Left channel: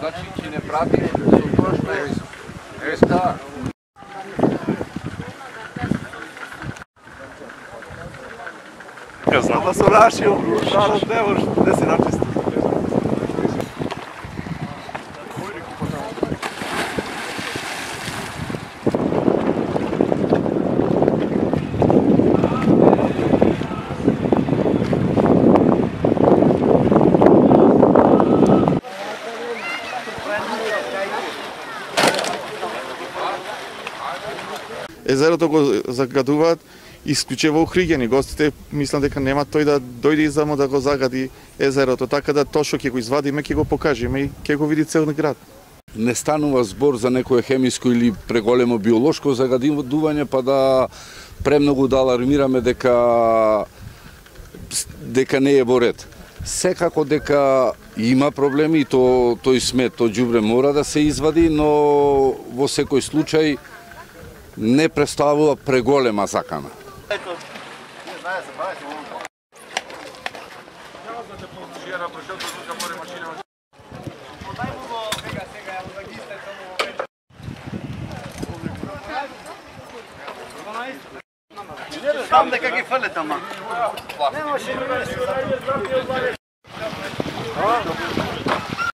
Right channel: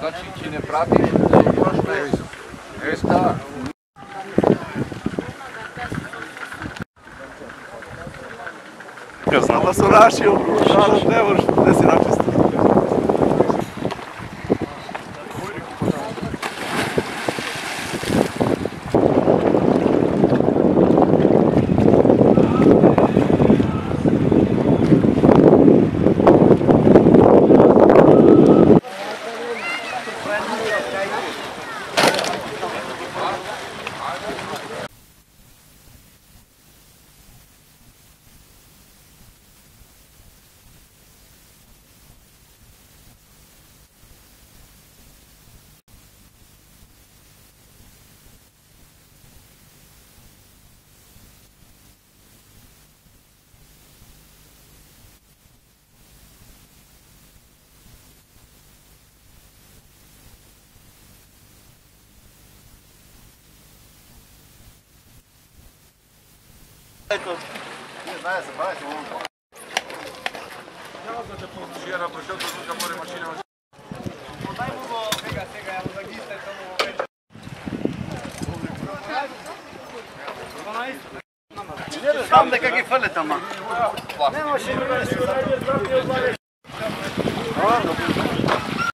Значи, че не прави, точно да. Знам да се нашио, народ не може да се начисти. Езерото го загадуваат исклучиво ухриѓани. Гостите мислам дека нема тој да дојде само да го загади езерото, така да тоа што ќе го извадиме, ќе го покажеме и ќе го види цел град. Не станува збор за некое хемиско или преголемо биолошко загадување, па да премногу да алармираме дека не е во ред. Секако дека има проблеми и тој смет, тој ѓубре мора да се извади, но во секој случај не представува преголема закана. Ето, не знае, забавете ово. Подај му го сега, ја го загисте само Не знам дека ги фрлете, ама. Немаше време да се